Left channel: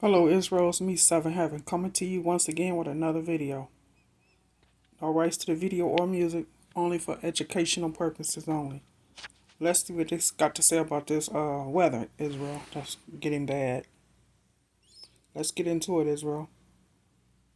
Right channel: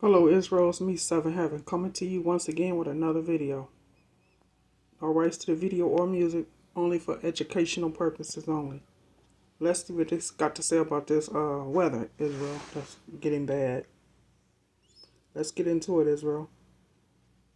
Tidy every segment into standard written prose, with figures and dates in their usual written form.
Hello Israel, it's me, Seven Heaven, coming to you once again with another video. No rights to the video or music, only for educational purposes only. Let's see what this got to say about this weather, Israel. That's getting bad. Let's get into it, Israel.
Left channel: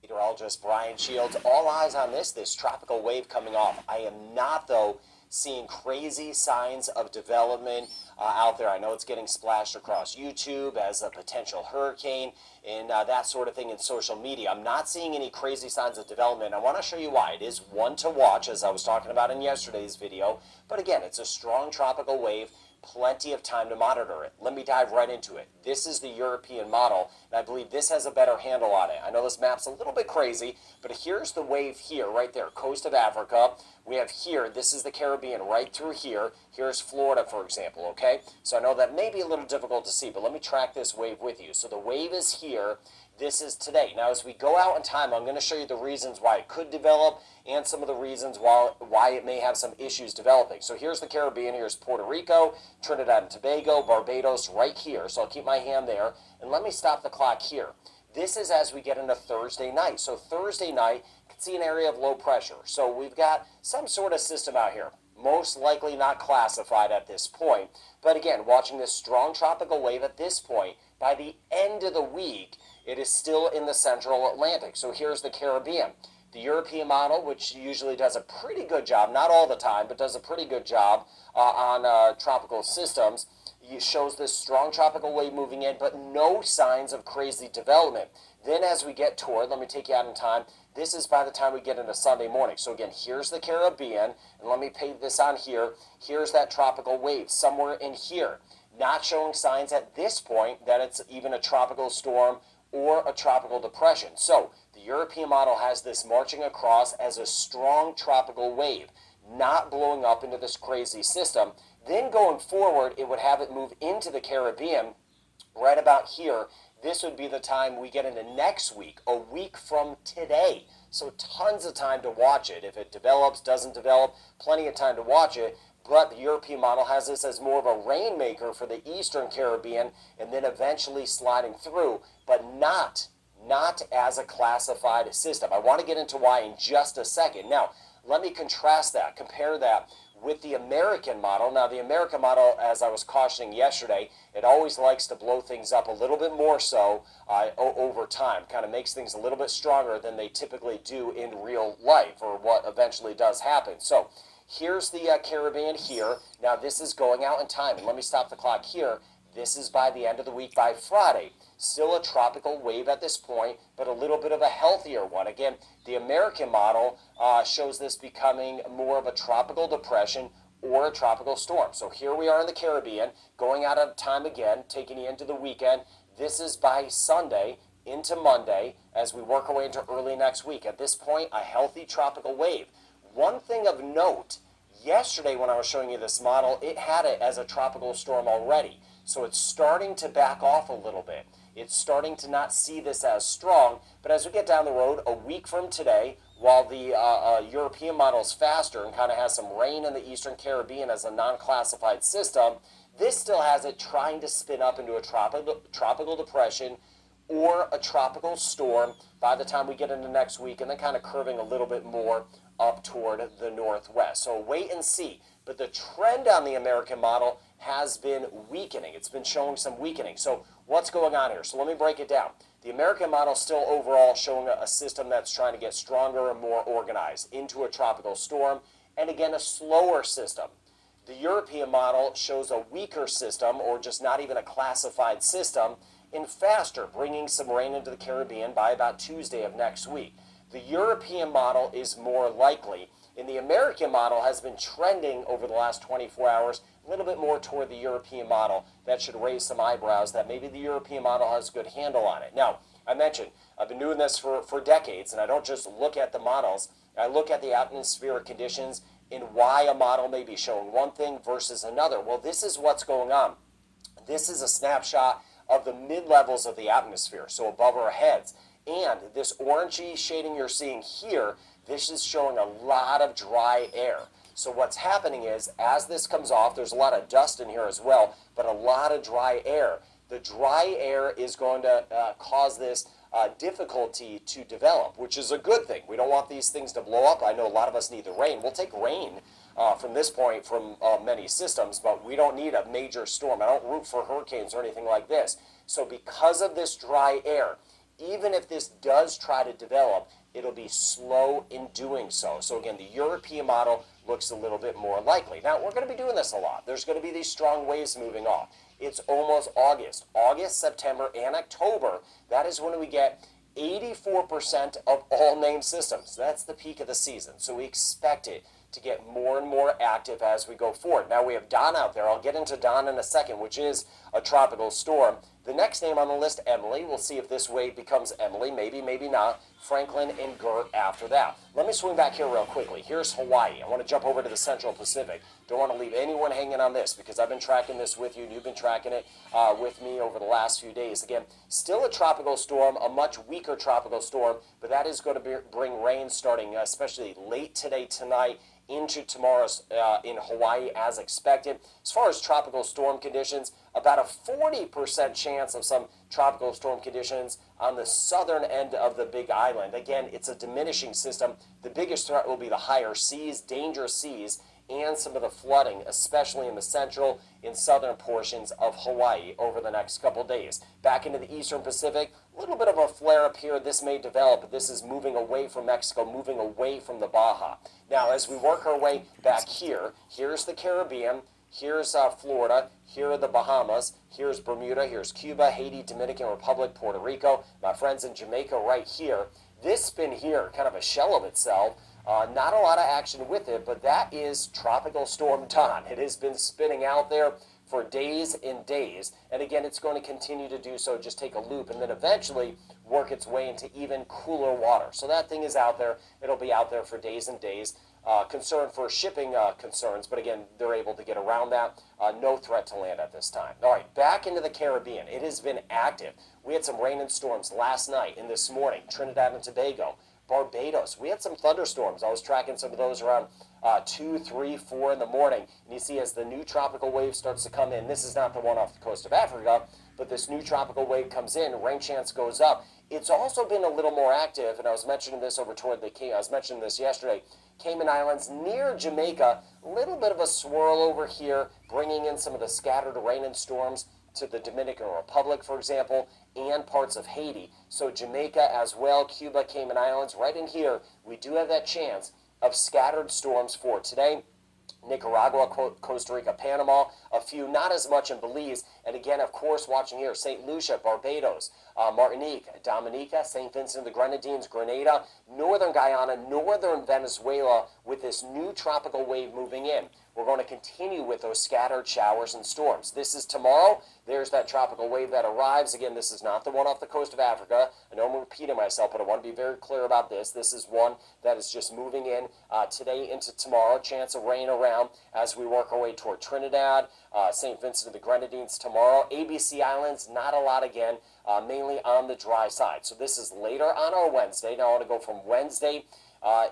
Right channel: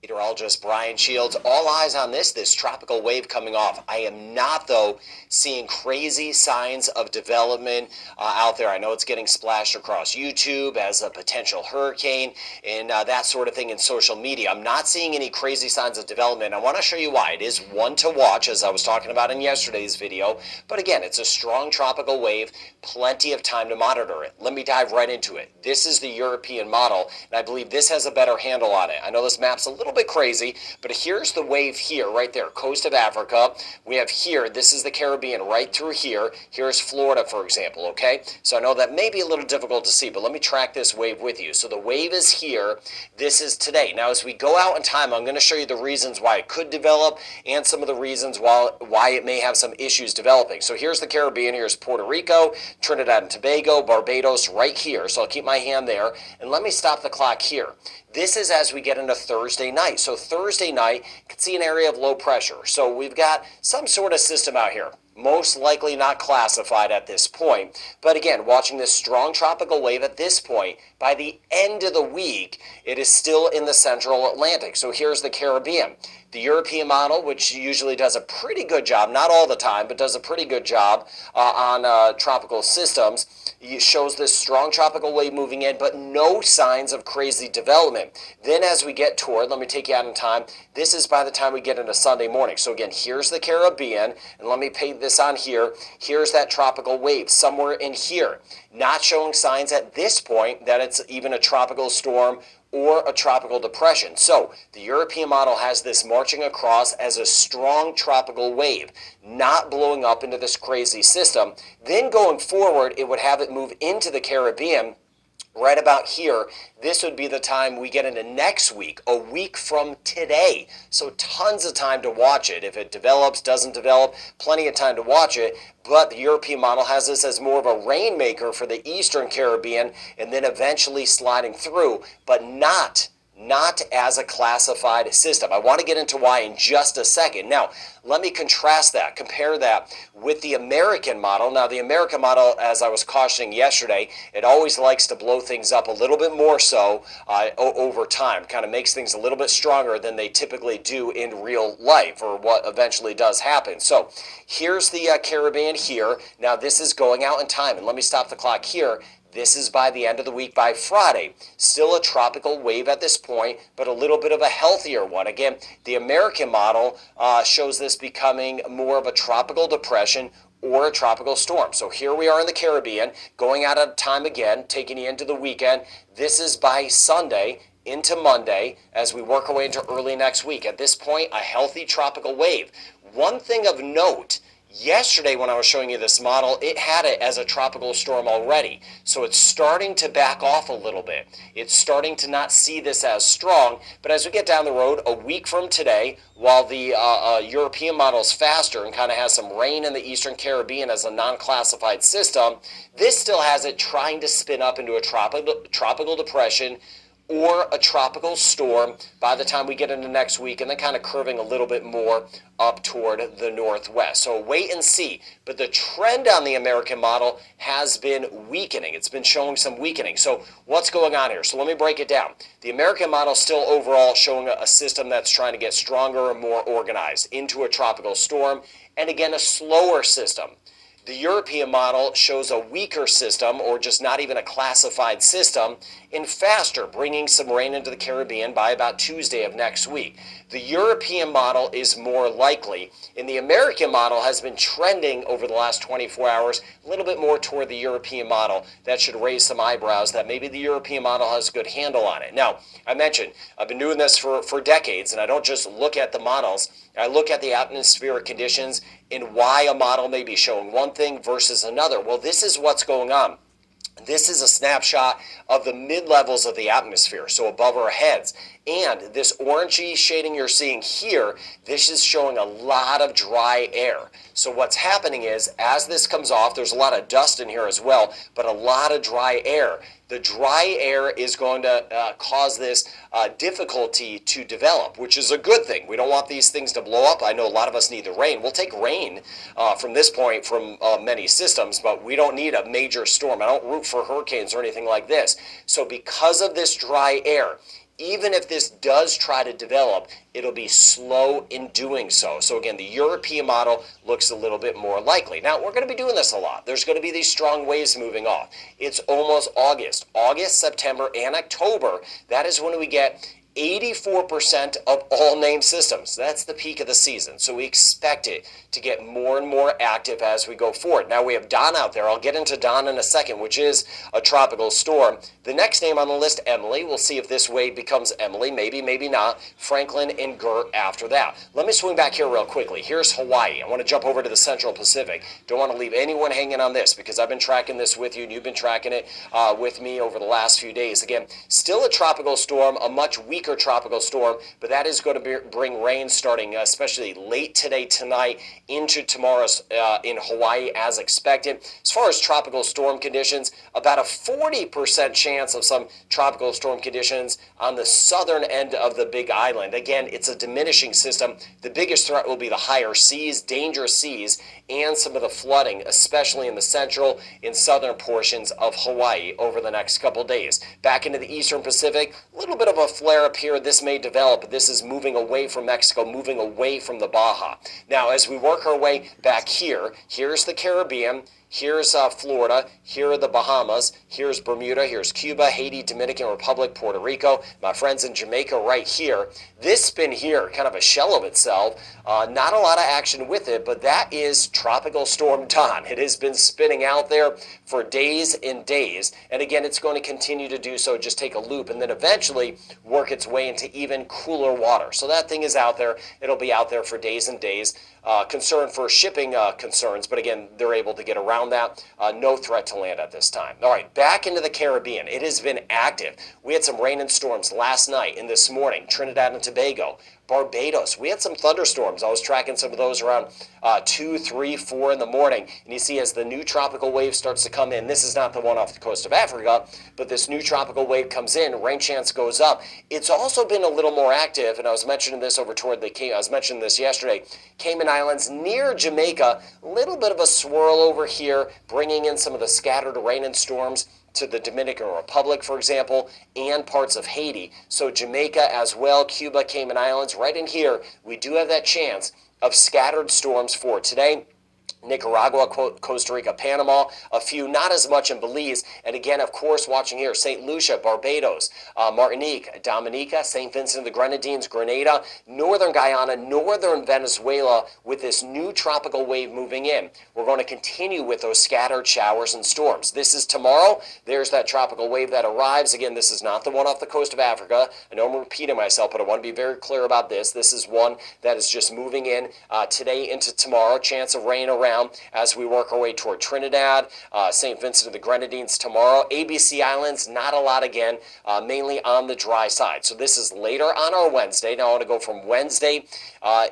Meteorologist Brian Shields. All eyes on this tropical wave coming off. I am not, though, seeing crazy signs of development out there. I know it's getting splashed across YouTube as a potential hurricane and that sort of thing in social media. I'm not seeing any crazy signs of development. I want to show you why. It is one to watch, as I was talking about in yesterday's video. But again, it's a strong tropical wave, plenty of time to monitor it. Let me dive right into it. This is the European model, and I believe this has a better handle on it. I know this map's a little bit crazy, but here's the wave here, right there, coast of Africa. We have here, this is the Caribbean right through here. Here's Florida, for example, okay? So I know that may be a little difficult to see, but let me track this wave with you. So the wave is here. This is today. Now, as we go out in time, I'm going to show you the reasons why it could develop and some of the reasons why it may have some issues developing. So here's the Caribbean. Here's Puerto Rico, Trinidad and Tobago, Barbados right here. So I'll keep my hand there. And let me stop the clock here. This is as we get into Thursday night. So Thursday night, you can see an area of low pressure. So we've got some sort of system out here. Most likely not classified at this point. But again, watching this strong tropical wave at this point, by the end of the week, it is still in the central Atlantic. So here's the Caribbean. The European model, which usually does a pretty good job, not all the time, but does a pretty good job on tropical systems, shows this strong tropical wave moving in, but no signs of crazy development. Then as we get toward, let me take you out in time, this is by the time we get into Sunday morning. So again, here's the Caribbean, and let me paint this on here. Here's that tropical wave somewhere in here. Not showing signs at this point that it's even a tropical storm or a tropical depression. So the European model has this marching across as a strong tropical wave, not blowing up into this crazy system. Then going forward, it would have it move into the Caribbean right about here. This would be the time we get into next week, a week from today. So tons of time to watch it. If it develops, doesn't develop, plenty of time to watch it. But the European model has this as more of a rainmaker for the Eastern Caribbean and then eventually sliding through, but not as a classified system. I want to get into why in just a second. Now, let me contrast that, compare that with the American model. Now, the American model, as I was cautioning yesterday, it always likes to blow things up a little bit more so over time, kind of makes things a little bit stronger than they typically do in real life, or what eventually does happen. So here's the Caribbean here. Now, this is going out in time, and let me stop the clock here. This is by the end of the week, by Friday. Still a tropical wave at this point, but a little bit of a healthier one. Again, the American model shows this becoming more of a tropical depression or a tropical storm. So here we are in the Caribbean, going out of time again, taking you into the weekend. This is by Sunday into Monday as we work our way into early next week. At this point, a healthy tropical wave. One thing of note, yesterday when I was showing you this model, it had it as a tropical storm already. So it's starting to back off a little bit. It's starting to not see this as strong. But as we get down the road, a week from today, while the European model is faster and kind of has some rain in the Eastern Caribbean as a non-classified system, this still has it trying to spin up into a tropical depression or a tropical storm by the time we get into next week, and then kind of curving a little bit more up toward the northwest. So wait and see. But the trend on the American model has been weakening. It's been showing some weakening. So what's going on here? So let me break it down. The American model still overall showing a system that's trying to get stronger and more organized into a tropical storm, and again, a slower system. The European model shows a weaker system, or just not even a classified system, and faster, bringing some rain into the Caribbean by about Tuesday of next week. The European model is more likely, and the American model has been trending over the last 24 hours a little bit more toward the European model. That should raise some eyebrows that maybe the European model has a good handle on it. Now, I mentioned I've been doing this for decades, and I don't just look at the models. I look at the atmospheric conditions and why a model may be showing one thing versus another. Well, this is what's going on. This is a snapshot of the mid-levels of the atmosphere, so above our heads. And this orangey shading you're seeing here, this is showing a lot of dry air. So what's happening is, as this comes off, there's a lot of dust in here as well, but a lot of dry air. The dry air is going to cause this difficulty to develop, which is a good thing. We don't want these things to blow up. I know a lot of us need the rain. We'll take rain from this point from many systems, but we don't need a major storm. I don't root for hurricanes or anything like this. So because of this dry air, even if this does try to develop, it'll be slow in doing so. So again, the European model looks a little bit more likely. Now, we're going to be doing this a lot. There's going to be these strong waves moving off. It's almost August. August, September, and October, that is when we get 84% of all named systems. That's the peak of the season. So we expect it to get more and more active as we go forward. Now we have Don out there. I'll get into Don in a second, which is a tropical storm. The next name on the list, Emily. We'll see if this wave becomes Emily. Maybe, maybe not. Franklin and Gert after that. Let me swing back here real quickly. Here's Hawaii. I want to jump over to the Central Pacific. Don't want to leave anyone hanging on this because I've been tracking this with you and you've been tracking it with me over the last few days. Again, still a tropical storm, a much weaker tropical storm, but that is going to bring rain starting especially late today, tonight, into tomorrow's in Hawaii as expected. As far as tropical storm conditions, about a 40% chance of some tropical storm conditions on the southern end of the Big Island. Again, it's a diminishing system. The biggest threat will be the higher seas, dangerous seas, and some of the flooding, especially in the central and southern portions of Hawaii over the next couple days. Back into the eastern Pacific, a little bit of a flare up here. This may develop. This is moving away from Mexico, moving away from the Baja. Now, as we work our way back here, here's the Caribbean. Here's Florida, here are the Bahamas, here's Bermuda, here's Cuba, Haiti, Dominican Republic, Puerto Rico, my friends in Jamaica right here. This spin here, kind of a shell of itself, not a lot of action with it, but that is Tropical Storm Don. It has been spinning out there for days and days, and again, it's going to continue to do so, just take a loop, and then eventually work its way into even cooler water. So that thing is out there. It'll be out there for days and days. Concern for shipping concerns, but again, they're able to get around that. No threat to land at this time. All right, back into the Caribbean. It has been active. We had some rain and storms last night and this morning. Trinidad and Tobago, Barbados. We had some thunderstorms. I was tracking some of those around 2, 3, 4 in the morning. And you see as the new tropical wave starts to come in, this is not the one off the coast of Africa, but this new tropical wave comes in, rain chance goes up. It's also been a little more active, and I was mentioning this over toward I was mentioning this yesterday, Cayman Islands near Jamaica, a little bit of a swirl over here, bringing in some of the scattered rain and storms to the Dominican Republic, for example, and parts of Haiti. So Jamaica as well, Cuba, Cayman Islands, right in here, we do have that chance of scattered storms for today. Nicaragua, Costa Rica, Panama, a few, not as much in Belize. And again, of course, watching here, St. Lucia, Barbados, Martinique, Dominica, St. Vincent and the Grenadines, Grenada, Northern Guyana, Northern Venezuela with this new tropical wave moving in. We're going to continue with those scattered showers and storms. This is tomorrow. There's that tropical wave that arrives. Again, this is not the one off the coast of Africa. I know I'm repeating myself, but I want to be very clear about this. This is one that is just moving in today into tomorrow. Chance of rain around as we work our way toward Trinidad, St. Vincent and the Grenadines tomorrow. ABC Islands, not a lot again, mainly on the dry side. So this is later on our Wednesday. Now I want to go from Wednesday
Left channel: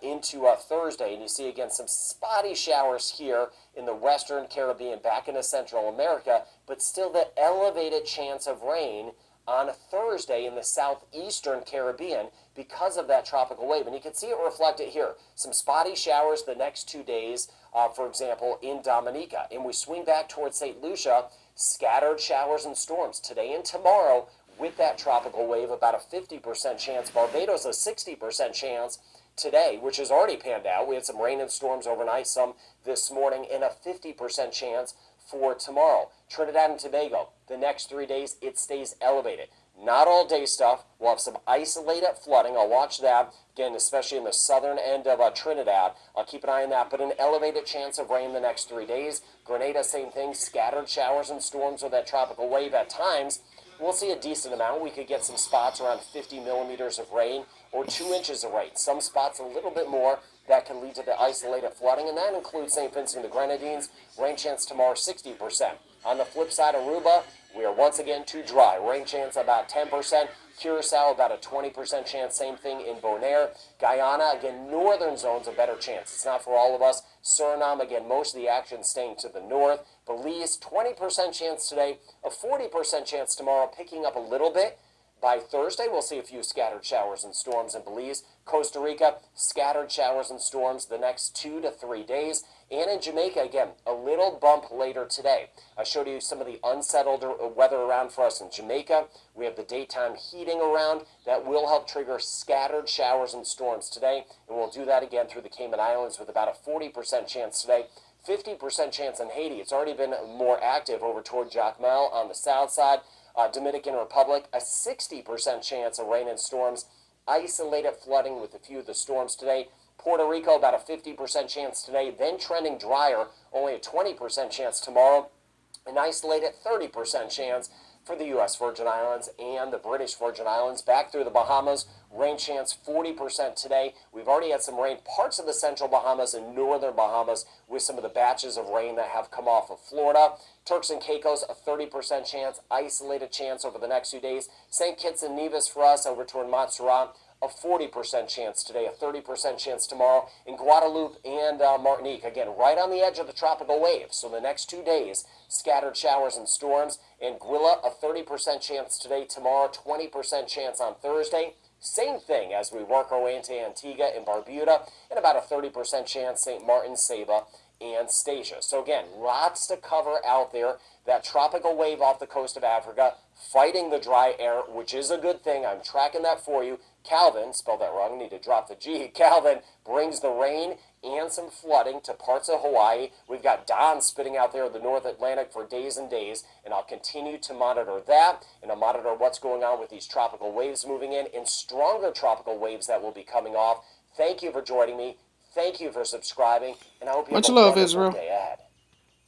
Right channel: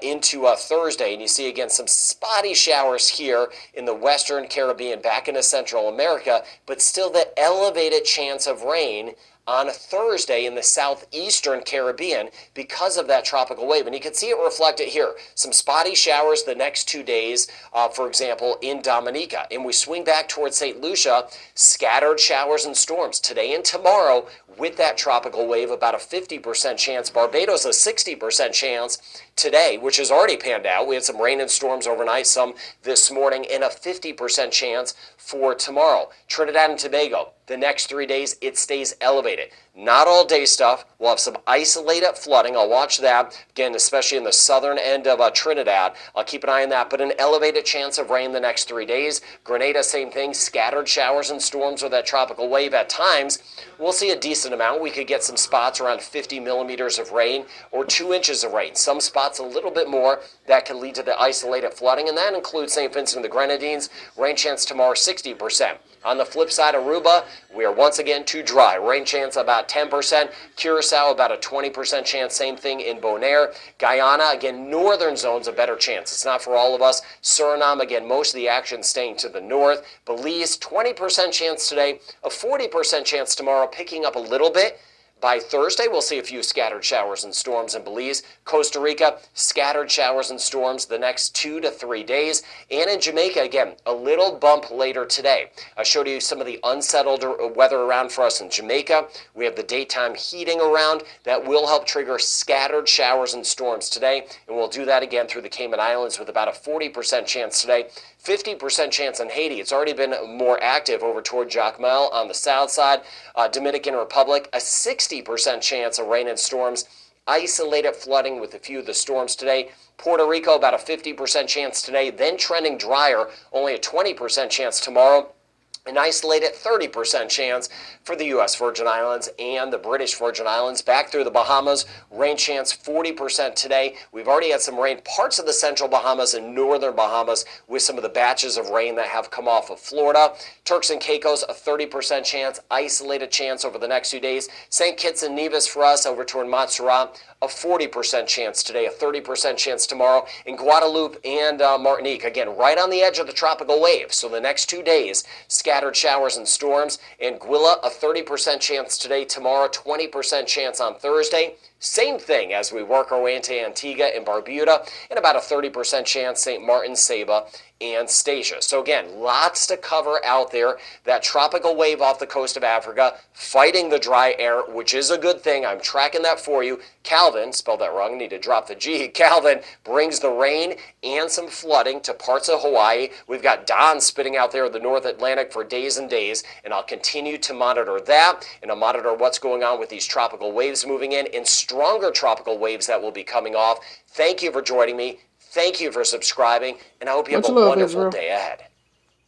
into Thursday, and you see again some spotty showers here in the Western Caribbean, back into Central America, but still the elevated chance of rain on a Thursday in the southeastern Caribbean because of that tropical wave. And you can see it reflected here. Some spotty showers the next 2 days, for example, in Dominica. And we swing back towards St. Lucia, scattered showers and storms today and tomorrow with that tropical wave, about a 50% chance. Barbados, a 60% chance today, which has already panned out. We had some rain and storms overnight, some this morning, and a 50% chance for tomorrow. Trinidad and Tobago, the next 3 days, it stays elevated. Not all day stuff. We'll have some isolated flooding. I'll watch that, again, especially in the southern end of Trinidad. I'll keep an eye on that, but an elevated chance of rain the next 3 days. Grenada, same thing, scattered showers and storms with that tropical wave at times. We'll see a decent amount. We could get some spots around 50 millimeters of rain or 2 inches of rain. Some spots spots a little bit more that can lead to the isolated flooding, and that includes St. Vincent and the Grenadines. Rain chance tomorrow 60%. On the flip side, Aruba, we are once again too dry. Rain chance about 10%. Curacao, about a 20% chance. Same thing in Bonaire. Guyana, again, northern zones, a better chance. It's not for all of us. Suriname, again, most of the action staying to the north. Belize, 20% chance today, a 40% chance tomorrow, picking up a little bit. By Thursday, we'll see a few scattered showers and storms in Belize. Costa Rica, scattered showers and storms the next 2 to 3 days. And in Jamaica, again, a little bump later today. I showed you some of the unsettled weather around for us in Jamaica. We have the daytime heating around that will help trigger scattered showers and storms today. And we'll do that again through the Cayman Islands with about a 40% chance today. 50% chance in Haiti. It's already been more active over toward Jacmel on the south side. Dominican Republic, a 60% chance of rain and storms. Isolated flooding with a few of the storms today. Puerto Rico, about a 50% chance today, then trending drier, only a 20% chance tomorrow. An isolated 30% chance for the U.S. Virgin Islands and the British Virgin Islands. Back through the Bahamas, rain chance 40% today. We've already had some rain parts of the central Bahamas and northern Bahamas with some of the batches of rain that have come off of Florida. Turks and Caicos, a 30% chance, isolated chance over the next few days. St. Kitts and Nevis for us over toward Montserrat, a 40% chance today, a 30% chance tomorrow. In Guadeloupe and Martinique, again, right on the edge of the tropical wave. So the next 2 days, scattered showers and storms. Anguilla, a 30% chance today, tomorrow, 20% chance on Thursday. Same thing as we work our way into Antigua and Barbuda, and about a 30% chance St. Martin, Saba, and Statia. So again, lots to cover out there. That tropical wave off the coast of Africa, fighting the dry air, which is a good thing. I'm tracking that for you. Calvin, spelled that wrong, need to drop the G. Calvin brings the rain and some flooding to parts of Hawaii. We've got Don spitting out there in the North Atlantic for days and days, and I'll continue to monitor that, and I'll monitor what's going on with these tropical waves moving in and stronger tropical waves that will be coming off. Thank you for joining me. Thank you for subscribing, and I hope you have Much a love, wonderful Israel. day ahead.